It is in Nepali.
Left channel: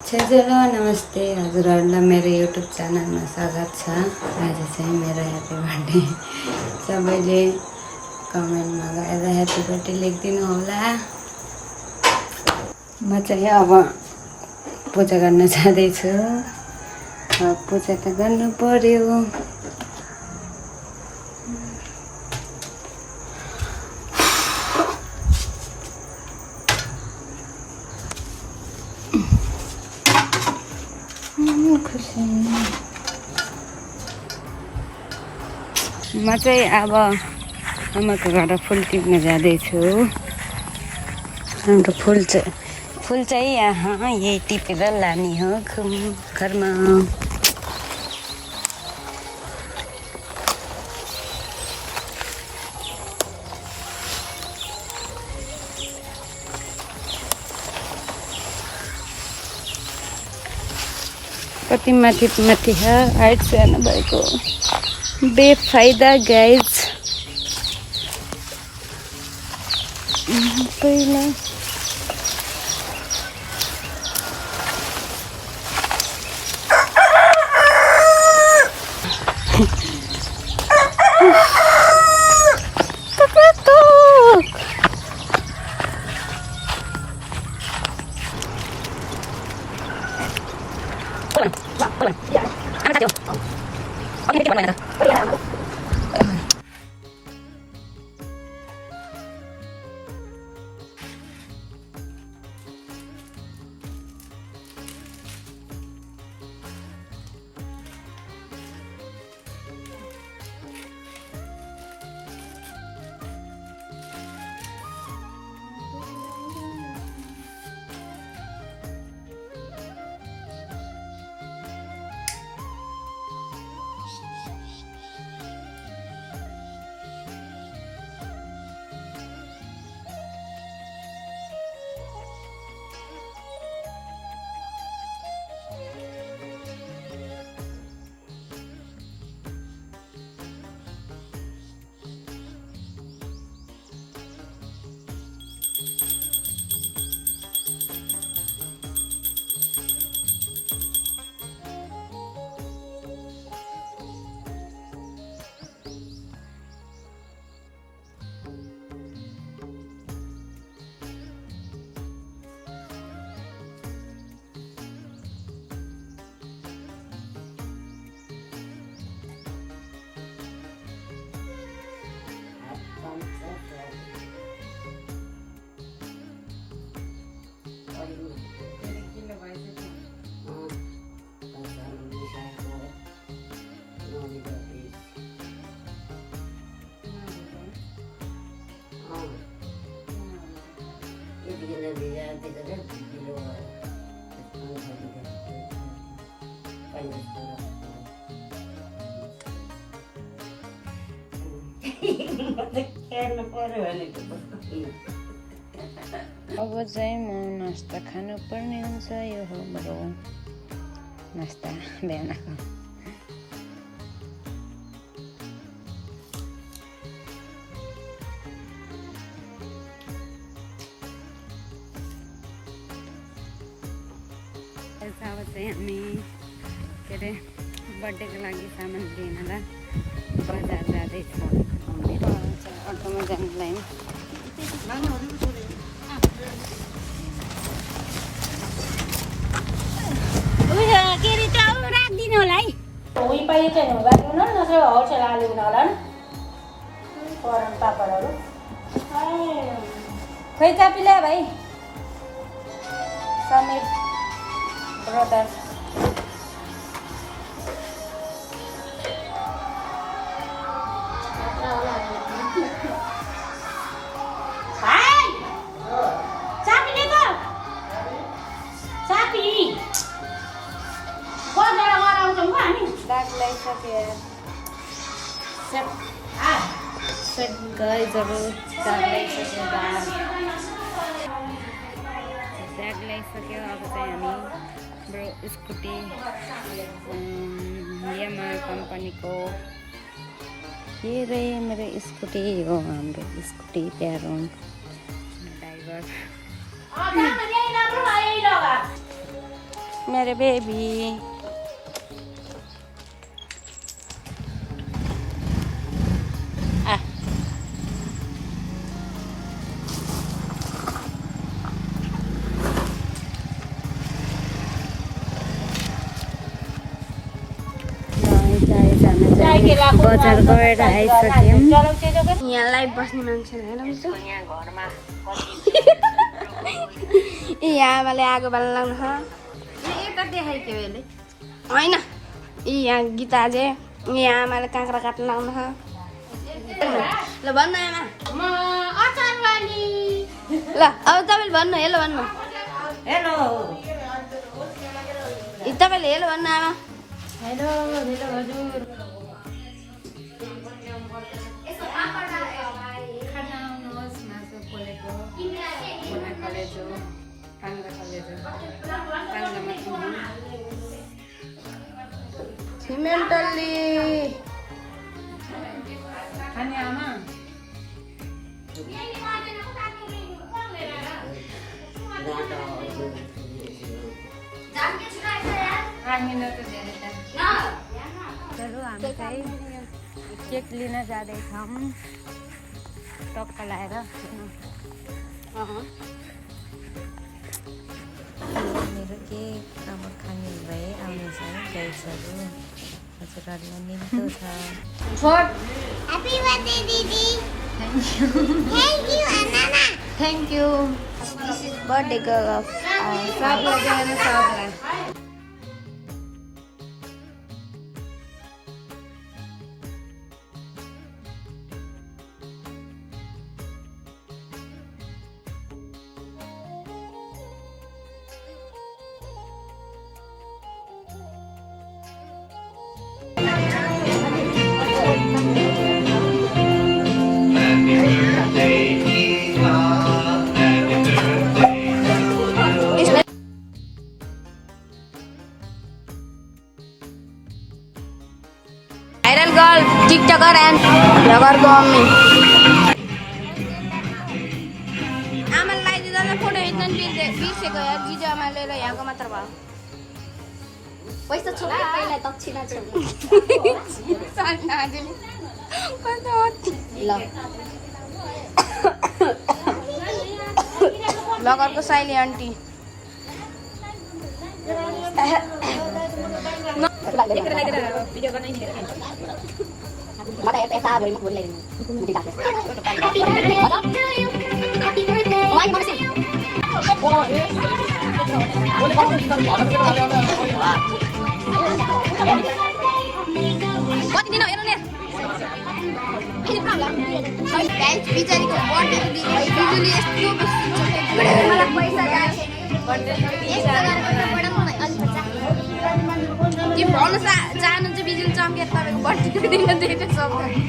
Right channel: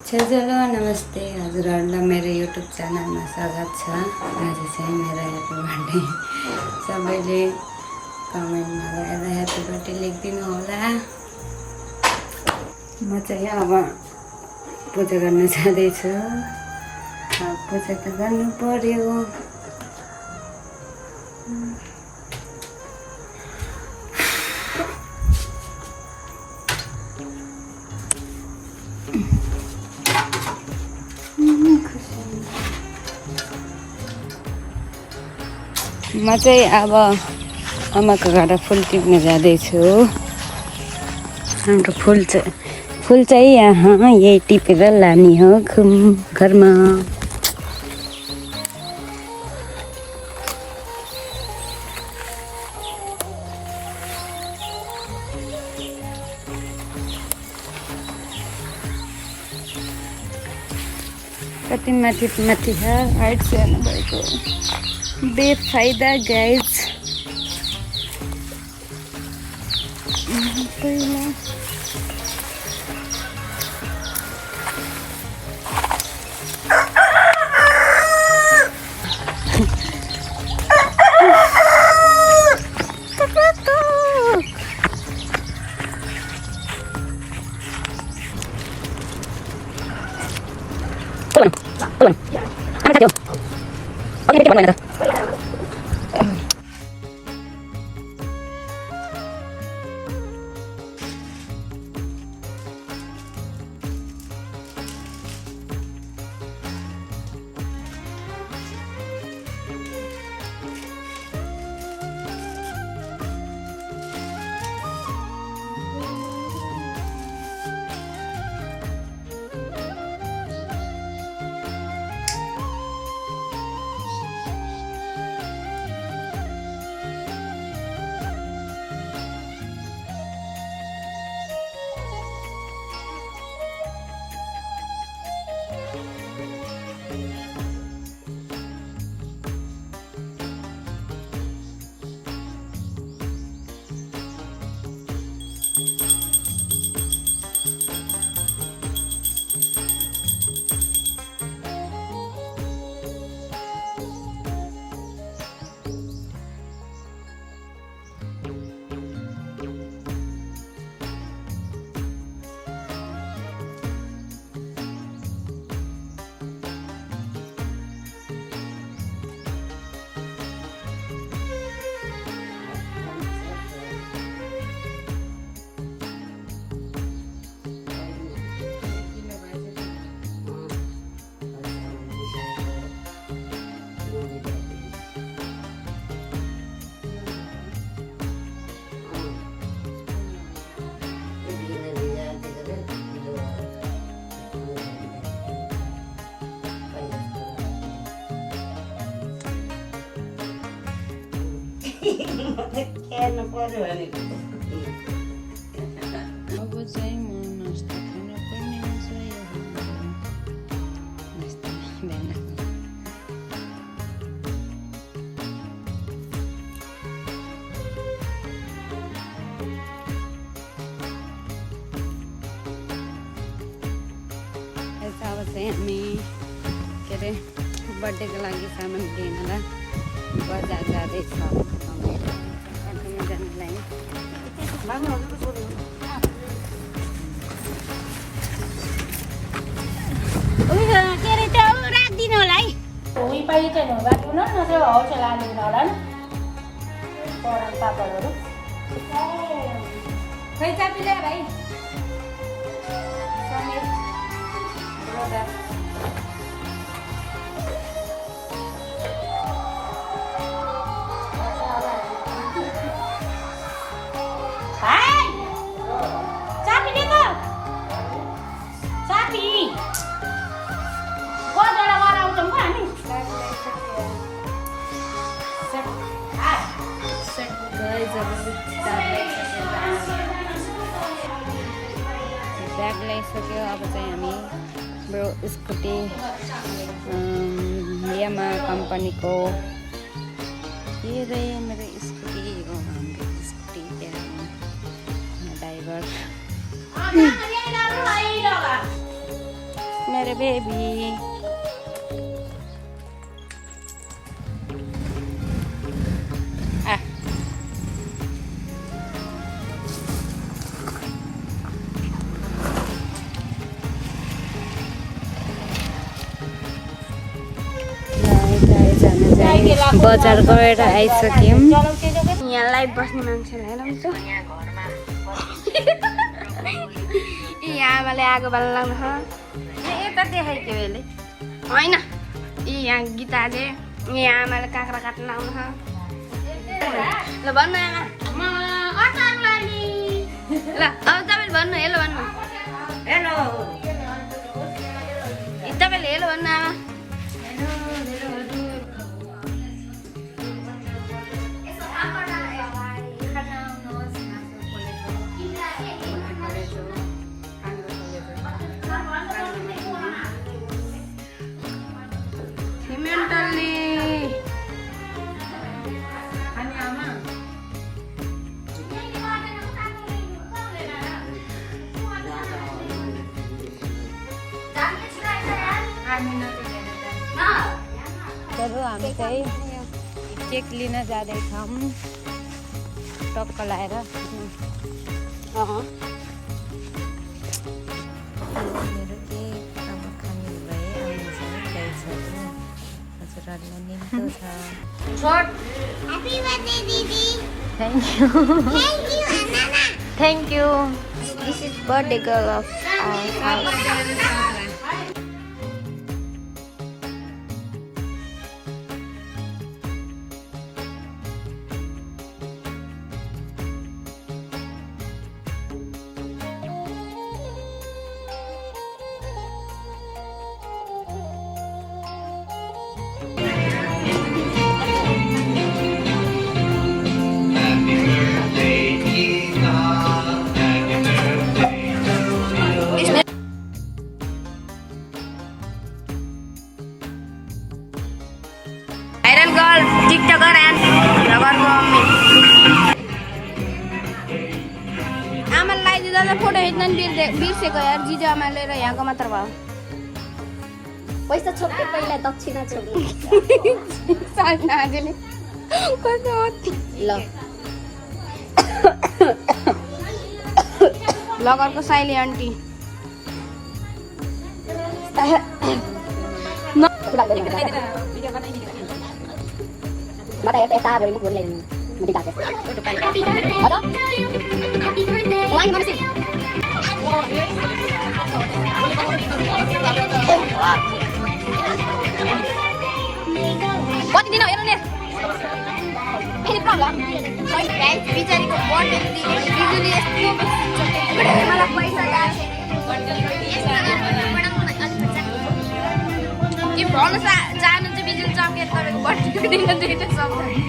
हेलो नमस्ते हजुरहरूलाई मेरो युट्युब च्यानलमा स्वागत छ। आज चाहिँ मेरो ह्याप्पी बर्थडे। सबैले कमेन्टमा गएर ह्याप्पी बर्थडे लेखिदिनु होला। म चाहिँ अब पूजा गर्न जाँदैछु। पूजा त गर्नु पर्यो। म चाहिँ अब आमाको घर फुल टिप्न जाँदैछु। हाम्रो फुल चाहिँ यहाँ यही टिपेर लाने हो घरमा। कति माथि हाइट सानो भएको बेफाइदा गाइज। पहिला अब चाहिँ म नास्ता खानुपर्ने हुन्छ। यो हो मेरो नास्ता बिहानको। अब चाहिँ हामी के अरे बर्थडेको लागि सामान लिनलाई बजार जाँदैछ। अटोमा जानुलाई के अरे त्यो राखिदिनु होला है। पाइले चाहिँ राख्नु न त्यो होलसेल आलु होला नि पापडहरू। खोइ चापी ल्या भाइ समीर ब्रदर। ब्याग ल्याइसक्यो। अब चाहिँ हामी हाम्रो स्कुटी यामा कम्पनीको के रे मेरो स्कुटी हो। हाम्रो स्कुटी प्यारो ड्राइभर मेरे बेबी बजार गएर आइसक्यौँ। यहाँ लाइभ बस्ने मान्छेलाई हेर्नु यहाँ आमाले आगो बाल्न लाग्नु होइन यहाँ गीताले यहाँ आमाले काँक्रा काट्न लाग्नु ल भन्नु आमा ल अब तपाईँले भन्नु हेलो भन्नु हेलो तपाईँले हेलो भन्नु आमा हेलो हेलो हजुर सिमेन्टल्ली खाने आमा चलो हामी चाहिँ केक लिन जाँदैछौँ टक्क लाएर। मेरो केक अब खाने भए आउनेछ गाइड्सहरू हजुरहरूलाई निम्तो छ। ह्यापी बर्थडे दिदी thank you thank you this is birthday girl of Viral girl, TikToker and vlogger mummy. आमालाई दिँदा फोटो खिच्न बिर्सेको यार जिजु आमाले र यहाँको मात्र भयो पैसा छोड्दै पहिला दक्षिणा छोड्नु साजले कस्तो ल भ्लगरको साइली आन्टी मता यता भइम भुल्दै मुडी जाते वाइ मम्सी कति दिन हेर्नु नि फेरि प्रब्लम गाइस बिचारीको बर्थडे दिने बिजुली यस्तो बेसी चोके मलाई पैसा जान्छ के भन्नु जानु चाहिँ बिजुली चम्केर तपाईँको बर्थडेको दिन दुईवटा सक्छ